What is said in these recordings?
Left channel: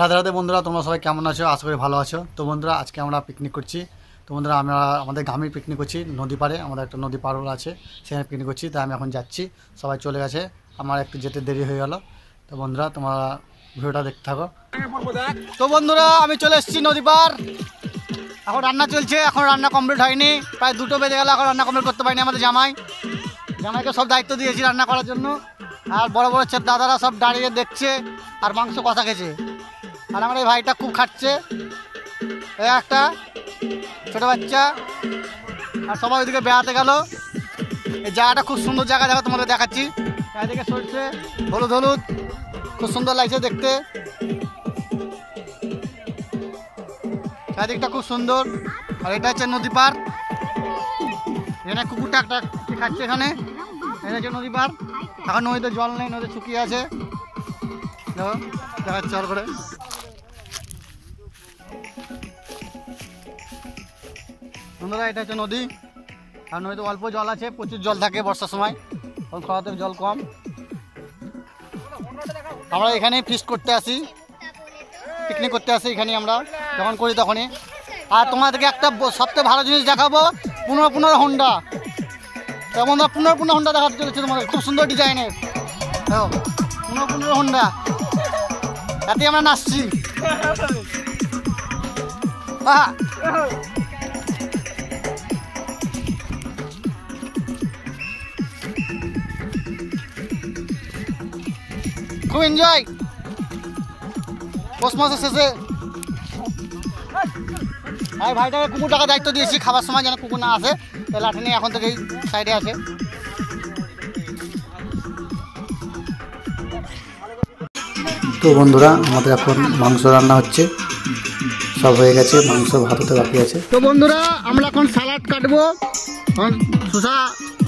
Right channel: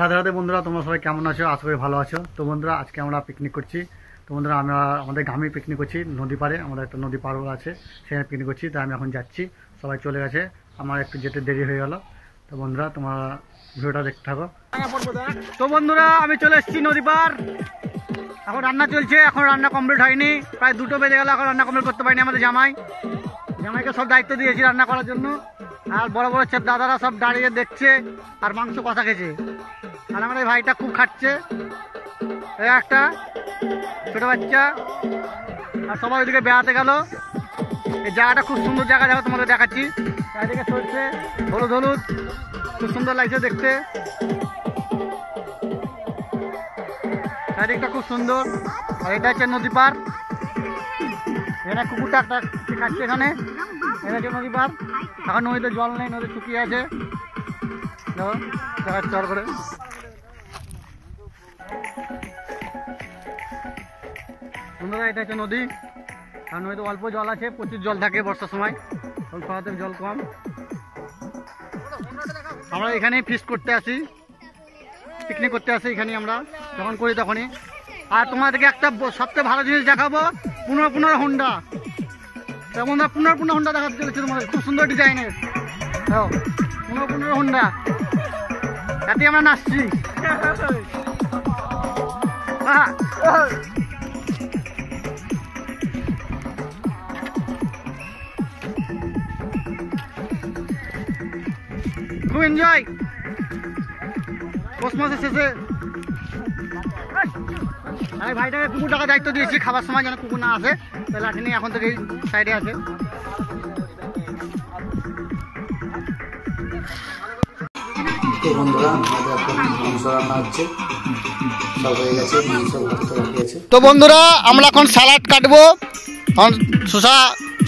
রাধে রাধে বন্ধুরা, তোমরা সবাই কেমন আছো? আশা করি ভালো আছো। তো বন্ধুরা, আজকে আমরা পিকনিক করছি। তো বন্ধুরা, আমরা আমাদের গ্রামে পিকনিক করছি, নদী পাড়ে। আমাদের একটা নদী পাড় আছে, সেখানে পিকনিক করছি। তাই আমি এখন যাচ্ছি, সবাই চলে গেছে, আমার একটু যেতে দেরি হয়ে গেল। তো বন্ধুরা, তোমরা ভিডিওটা দেখতে থাকো। তো বন্ধুরা, আমি চলে এসেছি নদী পাড়। এখন রান্না চলছে, এখন রান্না কমপ্লিট হয়নি, প্রায় 2টো বেজে গেল, এখন রান্না কমপ্লিট করতে পারিনি। আমাদের জামাইকে সব দায়িত্ব দিয়েছি রান্না করার জন্য। আর বড় বড় দাদারা সব দাঁড়িয়ে দেখছে আর মাংস কষা খেয়েছে। আর আমার এই ভাইটা খুব খাচ্ছে, একটা ছোট বাচ্চা। আর সবাই ওইদিকে বেড়াতে গেল। এই জায়গাটা খুব সুন্দর জায়গা, দেখো তোমাদের দেখাচ্ছি। চারিদিকে সরষে, হলুদ হলুদ, খুব সুন্দর লাগছে দেখতে। চারিদিকটা খুব সুন্দর। আর এটা হচ্ছে নদী পার। এখানে কুকুরটা একটা খাচ্ছে, এখানে এটা হচ্ছে নদী পার। এখন নদীতে জল নেই, নদী শুকিয়ে আছে। দেখো দেখাচ্ছি জল করে। বন্ধুরা, এটা হচ্ছে নদী। আর নদীতে অল্প জল আছে, প্রচুর জল থাকে বর্ষার সময়, তখন খরাতে জল কম। আমরা এখানেই ফিস্ট করতে আসি, পিকনিক করতে আসি এখানে আমরা যখন করি তখনই। আর তোমাদেরকে একটা সবথেকে ভালো জিনিস দেখাবো, 15 হোন্ডা। তেমন 15 হোন্ডা দেখাতে চলেছে তোমাদের, খুব সুন্দর ডিজাইনের। দেখো 15 হোন্ডা, এতে আমরা নাচছি। খুব এনজয় পৌষ মাসের শেষে। আমি ভাইটাকে কুকুরটাকে দায়িত্ব দিয়েছি, খাবার সময় যেন কুকুর না আসে। তাই লাঠি নিয়ে এখন থেকে সাইডে আছে। তো বন্ধুরা, আমাদের এখন মাংস রান্না হচ্ছে, সব হয়ে গেছে, মাংস ভাততে বাকি আছে। তো বন্ধুরা, আমরা এখন স্যালাড কাটবো। এখন শসা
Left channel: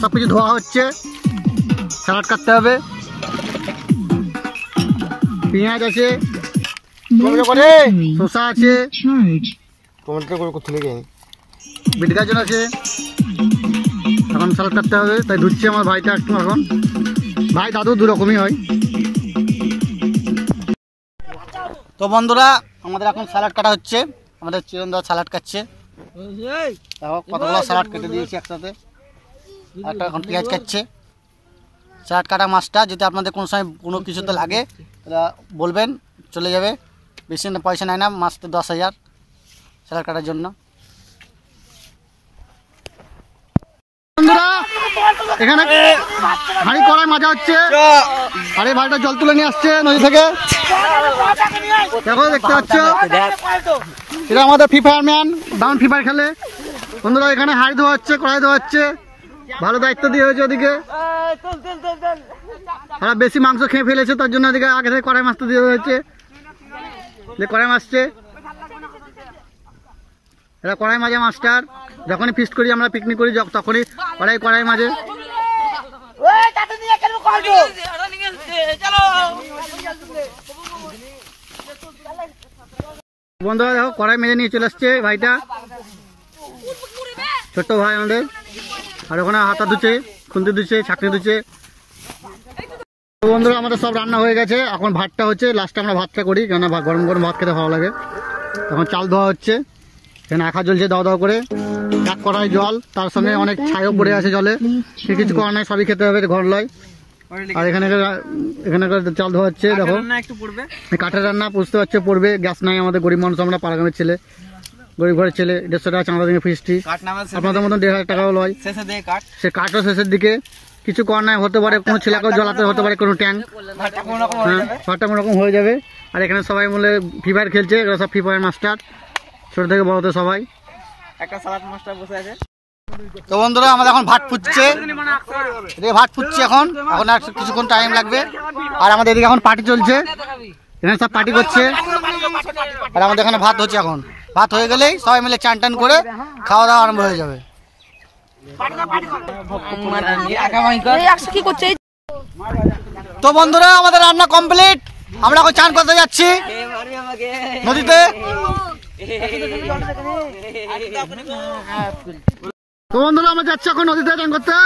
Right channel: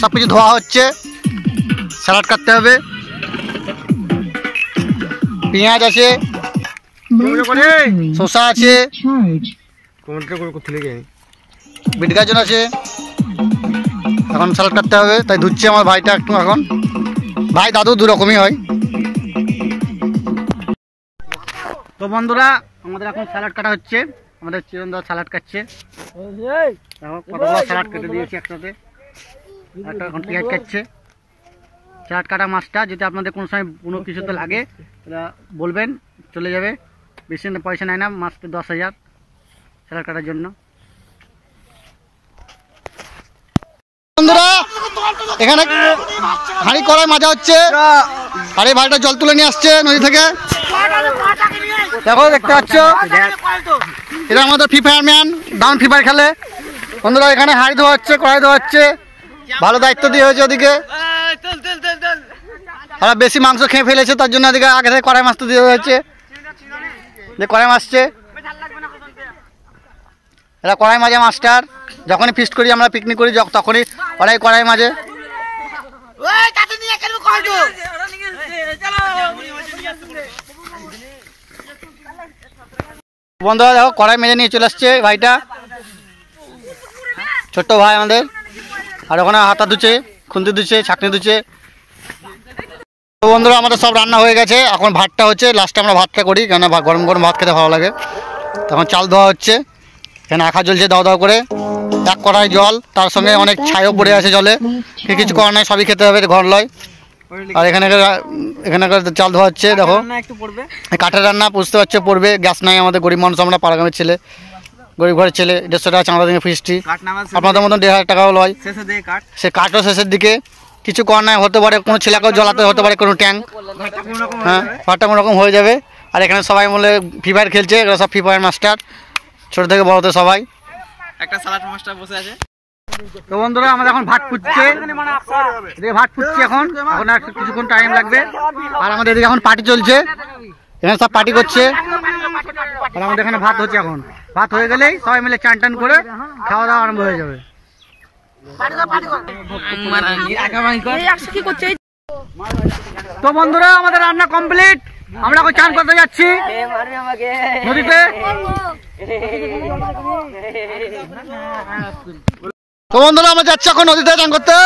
সব কিছু ধোয়া হচ্ছে, স্যালাড কাটতে হবে। পেঁয়াজ আছে, শসা আছে, বিট গাজর আছে। এখন স্যালাড কাটতে হবে, তাই ধুচ্ছে আমার ভাইটা একটু। এখন ভাই দাদু দুরকমই হয়। তো বন্ধুরা, আমাদের এখন স্যালাড কাটা হচ্ছে। আমাদের চিরন্দা স্যালাড কাটছে, দেখো কতগুলো স্যালাড কেটে দিয়েছি একসাথে। একটা এখন পেঁয়াজ কাটছে। স্যালাড কাটা মাছটা যদি আপনাদের কোনো সময় কোনো কিছুতে লাগে তাহলে বলবেন, চলে যাবে। বেশি পয়সা নেয় না, মাছটা 10,000 স্যালাড কাটার জন্য। বন্ধুরা, এখানে হাঁড়ি কড়াই মাজা হচ্ছে। আর এই ভাইটা জল তুলে নিয়ে আসছে নদী থেকে, দেখো দেখতে পাচ্ছ। এটা আমাদের ফ্রি ফায়ার ম্যান, দারুণ ফ্রি ফায়ার খেলে। বন্ধুরা, এখানে হাঁড়ি ধোয়া হচ্ছে, কড়াই ধোয়া হচ্ছে, ভালো দায়িত্ব দিয়ে হয়েছে ওদিকে। আর বেশি মাংস খেয়ে ফেলেছে, তার জন্য ওদিকে আগে থেকে কড়াই মাছটা দিয়ে হয়েছে, যে কড়াই মাছছে। এটা কড়াই মাঝে মাস্টার, যখনই ফিস্ট করি আমরা, পিকনিক করি তখনই কড়াই মাঝে। বন্ধুরা দেখো, কড়াই মেজে নিয়ে চলে আসছে ভাইটা, ছোট্ট ভাই আমাদের। আর ওখানে হাতা ধুচ্ছে, খুন্তি ধুচ্ছে, ছাঁকনি ধুচ্ছে। তো বন্ধুরা, আমাদের সব রান্না হয়ে গেছে। এখন ভাতটা হচ্ছে, লাস্টে আমরা ভাতটা করি, কেন গরম গরম ভাত খেতে ভালো লাগে। তখন চাল ধোয়া হচ্ছে, এখানে আঁখা জ্বলছে দাও দাও করে। এক কড়াই জল, তার সঙ্গে অনেক ছাইও পড়ে আছে জলে, কিছু করার নাই, সবই খেতে হবে, ঘর লয়। আর এখানে চাল ধোয়া হচ্ছে, দেখো কাঠের রান্না, বুঝতে পারছো পড়বে। গ্যাস নাই আমাদের, গরিব মানুষ আমরা, পাড়াগ্রামের ছেলে, গরিব ঘরের ছেলে। 150 টাকা চাঁদা দিয়ে ফিস্টি, আপনাদের মতন 1,500 টাকাও লয়। সে কাঠও শেষের দিকে, কিছু করার নাই। হতে পারে কোনো ছেলেকেও জ্বলাতে হতে পারে, কোনো ট্যাঙ্ক। হ্যাঁ, ভাতটা কোনোরকম হয়ে যাবে। আর এখানে সবাই মিলে ফ্রি ফায়ার খেলছে, এগুলো সব ফ্রি ফায়ার মাস্টার, ছোট থেকে বড়তে সবাই। একটা স্যালাড মাস্টার বসে আছে। তো বন্ধুরা, আমাদের এখন ভাত ফুটছে, ভাত ফুটছে এখন আর কিছুক্ষণ টাইম লাগবে। আর আমাদের এদিকে এখন পার্টি চলছে, এখানে সব পার্টি করছে। আর আমাদের এখানে ভাত হচ্ছে। এখন ভাত হয়ে গেলেই সবাই মিলে চান টান করে খাওয়া দাওয়া আরম্ভ হয়ে যাবে। তো বন্ধুরা, আমাদের রান্না কমপ্লিট, আমরা এখন চান করতে যাচ্ছি নদীতে। তো বন্ধুরা, আমরা যাচ্ছি এখন নদীতে চান করতে।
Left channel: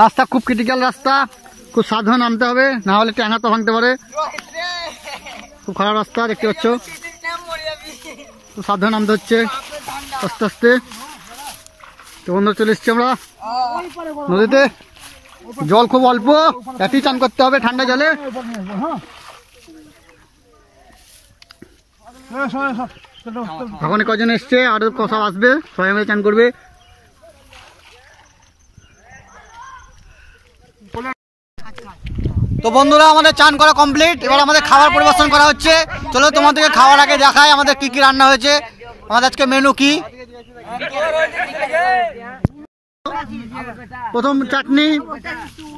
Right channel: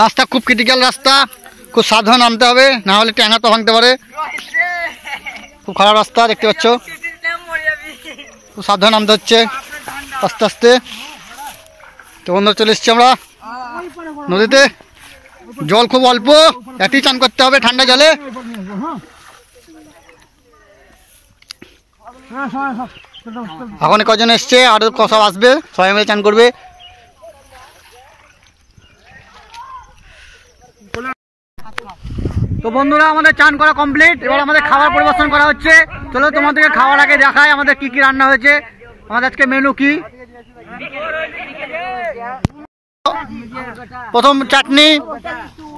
রাস্তা খুব ক্রিটিক্যাল রাস্তা, খুব সাবধানে নামতে হবে, না হলে ট্যাঙ্গা তো ভাঙতে পারে। খুব খারাপ রাস্তা দেখতে পাচ্ছ, খুব সাবধানে নামতে হচ্ছে আস্তে আস্তে। তো বন্ধুরা চলে এসছি আমরা নদীতে, জল খুব অল্প, এতেই চান করতে হবে ঠান্ডা জলে। এখন কজন এসছে, আরো সব আসবে, সবাই মিলে চান করবে। তো বন্ধুরা আমাদের চান করা কমপ্লিট, এবার আমাদের খাবার পরিবেশন করা হচ্ছে। চলো তোমাদেরকে খাওয়ার আগে দেখাই আমাদের কি কি রান্না হয়েছে। আমাদের আজকে মেনু কি, প্রথম চাটনি,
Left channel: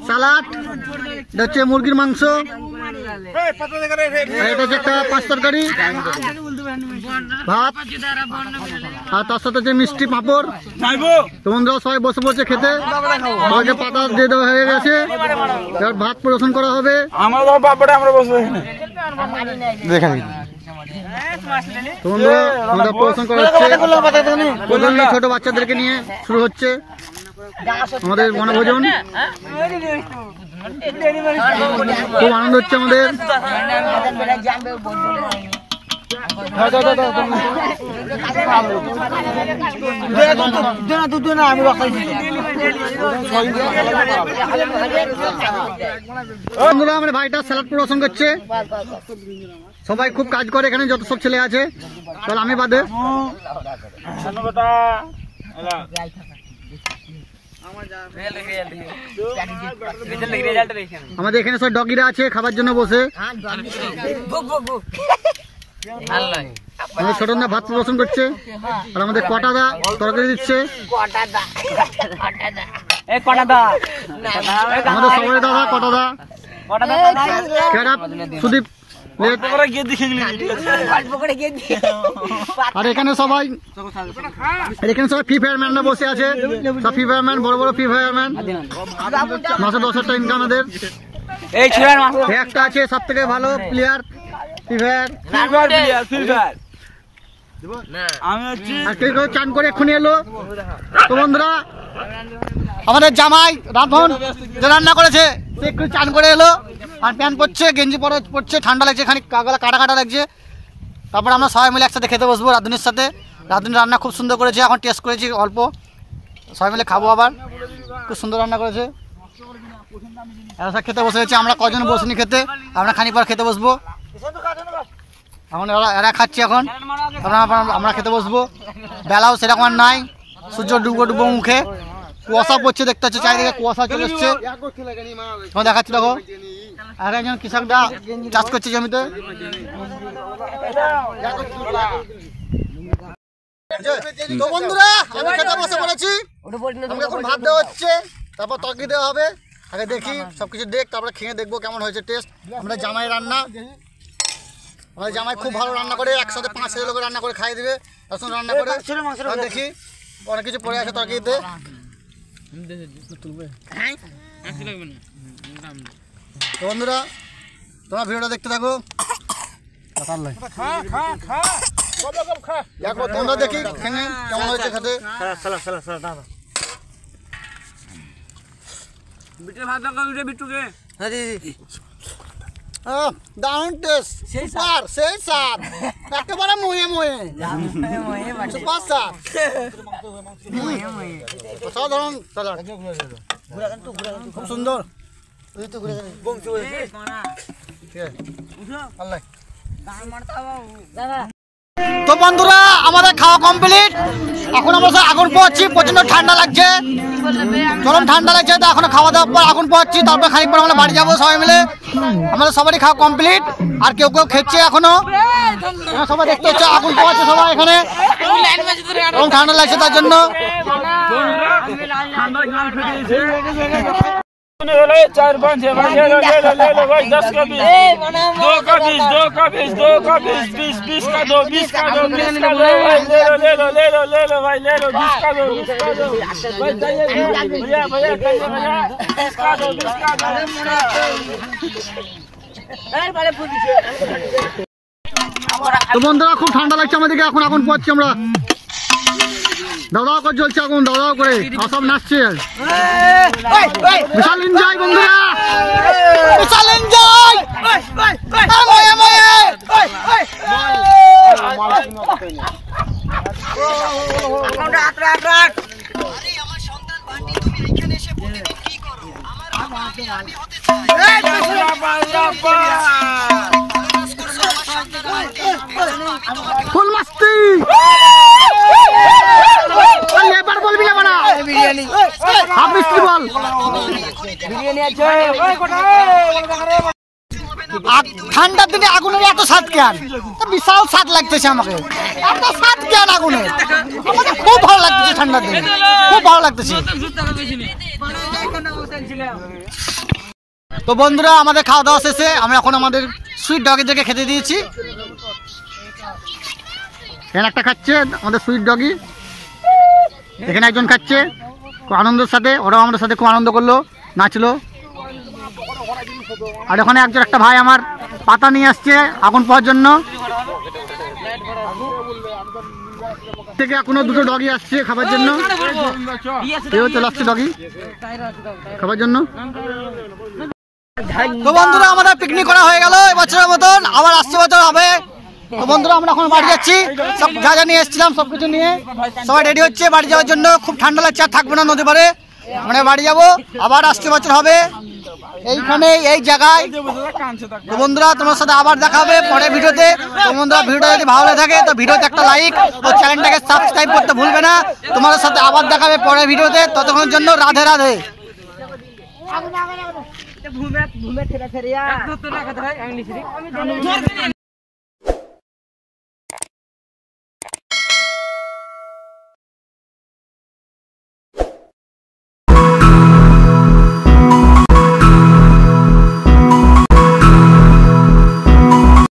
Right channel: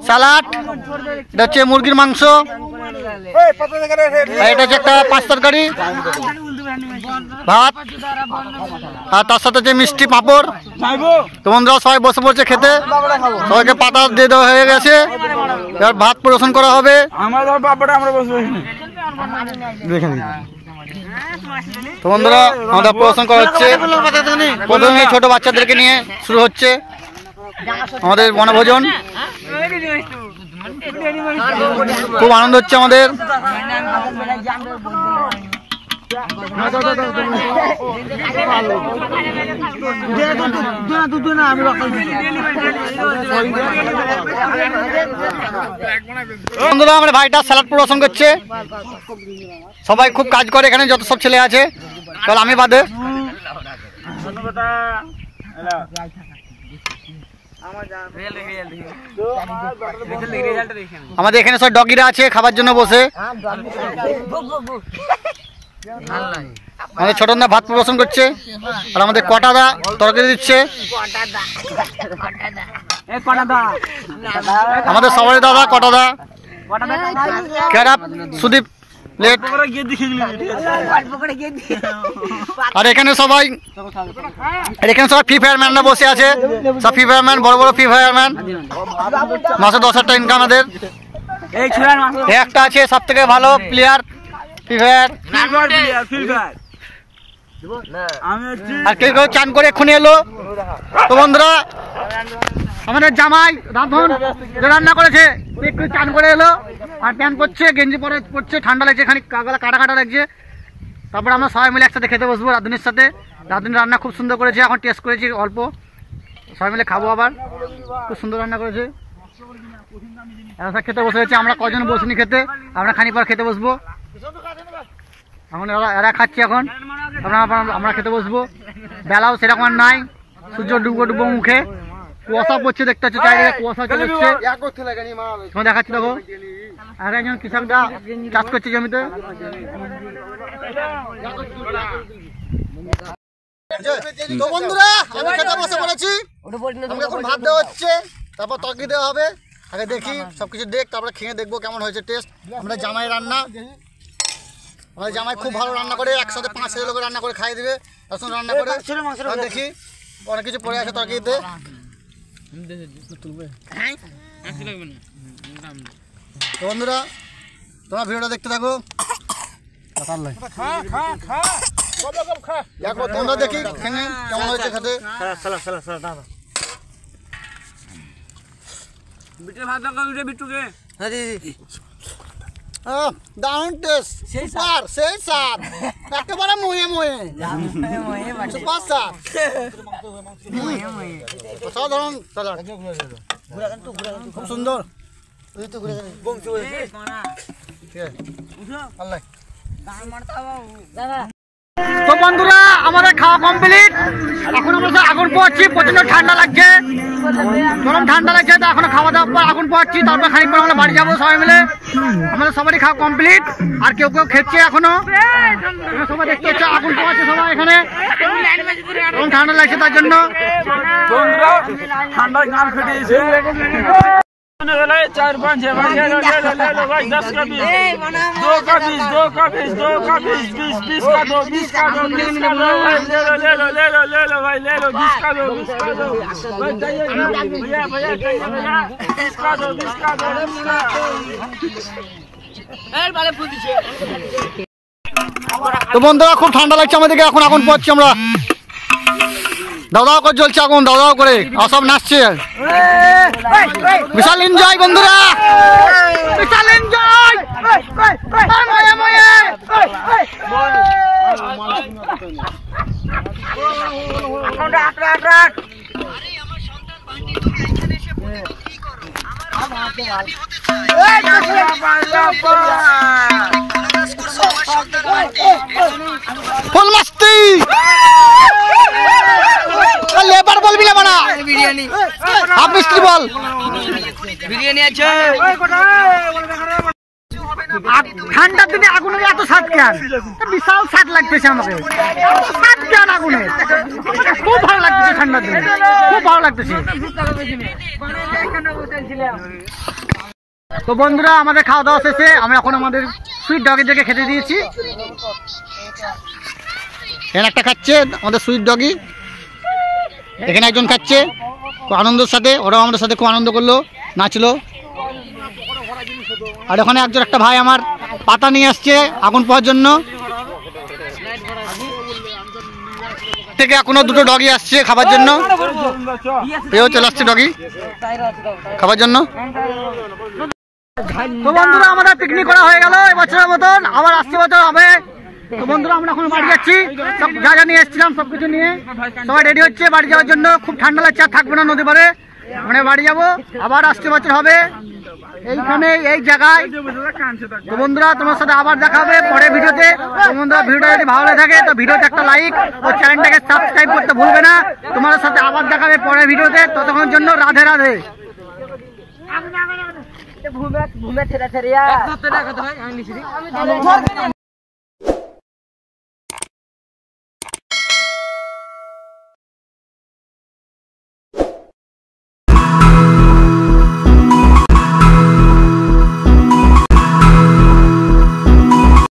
স্যালাড, এটা হচ্ছে মুরগির মাংস, এটা হচ্ছে একটা পাঁচ তরকারি, ভাত, আর তার সাথে হচ্ছে মিষ্টি পাঁপড়। তো বন্ধুরা সবাই বসে পড়ছে খেতে, সবাইকে পাতা দিয়ে দেওয়া হয়ে গেছে, এবার ভাত পরিবেশন করা হবে। তো বন্ধুরা আমাদের পরিবেশন করা হচ্ছে, প্রথমে ছোট বাচ্চাদেরকে নিয়ে শুরু হচ্ছে আমাদের বনভোজন। খুব আনন্দ হচ্ছে আমাদের। বন্ধুরা আমার ভাইটা স্যালাড পরিবেশন করছে, সবাই খুব কাজ করে এখানে, যত সব ছেলে আছে, চল আমি বাদে। আমাদের এখানে সব ডগিরা আছে খাবার জন্য বসে। আমাদের ছোটনদা ভাত পরিবেশন করছে, আর আমাদের কটাদা তরকারি দিচ্ছে। আমাদের সবাই দাদা কটাদা, সুদীপ লেট। আর এখানে সবাই ফ্রি ফায়ার ম্যানরা বসে আছে, সব ফ্রি ফায়ার ম্যান, বড় বড় ফ্রি ফায়ার ম্যান, মাসে 10,000 টাকা ইনকাম আমাদের। একটা আছে সব থেকে ভালো প্লেয়ার ফ্রি ফায়ার, আর কেউ কেউ চান করে এক্ষুনি এলো। তো বন্ধুরা আমাদের জামাই রাধন যে রান্না করেছে সে একটু চান করে এলো, আর প্যান্ট পরছে, গেঞ্জি পরছে, ঠান্ডা লাগছে, খানিক গলা কাটা কাটা লাগছে। তারপর আমরা সবাই মিলে একসাথে খেতে বসবো রাধুনির সাথে। রাধুনি রান্না খুব সুন্দর করেছে, এখন টেস্ট করেছি অল্প, সবাই মিলে খাবো আবার। খুব সুন্দর রান্না করেছে, এরা খেতে বসে গেছে। আমরা কজন বসিনি খেতে, আমরা খানিক পর খেতে বসবো। এখন এরা খাচ্ছে, এখন আমরা খেতে বসবো। বেলাও সেরকম আর নাই, সূর্য ডুবো ডুবো মুখে, কুয়াশা পড়ছে দেখতে পাচ্ছ, চারিদিকে কুয়াশা চলে এসছে। দেখাচ্ছি দেখো, আর একজন কৃষকরা চাষ করছে জমিতে। তো বন্ধুরা আমি খেতে বসে পড়েছি, আমাকে এখন ভাত দেওয়া হচ্ছে, তারপর তরকারি দেওয়া হবে। আগে দেখি সবকিছু দেখ, তারপরে খেয়ে দেখবো কেমন হয়েছে টেস্ট। আমরা জামাই রান্না, আমাদের জামাই খুব ভালো রান্না করে, একসাথে 5-6 লোকের রান্না করে খাইয়ে দিবে, রসুন রান্না করে। দেখি অনেক কিছু পড়ে আছে তরকারিতে। তো বন্ধুরা তোমরা ভিডিওটা দেখতে থাকো, তোমরা দেখি কেমন হয়েছে খেতে। দারুণ টেস্ট, সুপার, সেই স্বাদ, একেবারে মুয়ে মুয়ে সুপার স্বাদ, অসাধারণ স্যালাড, খুব সুন্দর। তো বন্ধুরা আমাদের খাওয়া কমপ্লিট, এখন আমরা আগুন পোহাচ্ছি, প্রচন্ড ঠান্ডা লাগছে, গরম ঠান্ডা লাগছে। তো এখন খাওয়া দাওয়ার পর আগুন পোহাচ্ছি, তারপর খানিক পর আমরা বাড়ি যাবো সবাই মিলে। আমাদের সবারই খাওয়া কমপ্লিট, আর কেউ কেউ খেচ্ছে এখনো। সবাই দেখতে হচ্ছে আগুন পোহাচ্ছে সবাই এখানে, এবং ঠান্ডা লাগছে তার জন্য। ले 4 5 6 ले लो 10 का 20 2 का 20 2 का 20 2 का 20 20 का 2 20 का 2 20 का 2 भाई ले लो भाई ले लो 20 का 2 20 का 2 भैया 20 का 2 20 का 2 তো বন্ধুরা খুব ঠান্ডা লাগছে আমাদেরকে, এখন আগুন পোহাচ্ছি আমরা। দাও দাও করে জ্বলছে আগুন, দাও দাও করে, আর সব নাচছে। বিশাল এনজয় বন্ধুরা, বিশাল এনজয়। ফুল মাস্তি লেবার বলবি না বানা, হাফ মিস্ত্রি বল। বিরিয়ানি আছে। ঠান্ডার দিনে আগুনের এত স্বাদ কেন? বিশাল স্বাদ লাগতেছে আমাকে, এত স্বাদ কেন আগুনের? আমাকে খুব ভালো লাগতেছে ঠান্ডার দিনে, খুব ভালো লাগতেছে। তো বন্ধুরা আমাদের খাওয়া দাওয়া শেষে আমরা এখন আমাদের সুইট ডগের জায়গায় খেতে দিয়েছি। এখানে একটা খাচ্ছে আমাদের সুইট ডগি, এখানে একজন খাচ্ছে খুব আনন্দের সাথে, ওরাও আমাদের সাথে খুব আনন্দ করলো, নাচলো। আর ওখানে একজন একটা ভাই আমার পাতা নিয়ে আসছে আগুন পাওয়ার জন্য, থেকে এখনো দুটো ডগি আসছে খাবার জন্য, এও চলে আসছে ডগি খাবার জন্য। তো বন্ধুরা আমাদের পিকনিক করা হয়ে গেল এবছরের মতন, আবার আসছে বছর হবে। তো বন্ধুরা আমরা এখন বাড়ি যাচ্ছি, সব যা যা নিয়ে এসেছিলাম সব কিছু নিয়ে সবাই রেডি হচ্ছে বাড়ি যাওয়ার জন্য। খুব ঠান্ডা লাগছে, আর থাকবো না নদী পারে, মানে বাড়ি যাবো, আবার আসছে বছর হবে এইখানে এই জায়গায়। তো বন্ধুরা তোমার সাথে আবার দেখা হবে পরে ভিডিওতে। তো বন্ধুরা ভিডিওটা যদি ভালো লাগে থাকে তো ভিডিওতে একটা লাইক ও চ্যানেলটাকে সাবস্ক্রাইব করতে ভুলবে না। তোমাদের সাথে আবার দেখা হবে পরে ভিডিওতে, ততক্ষণের জন্য রাধে রাধে।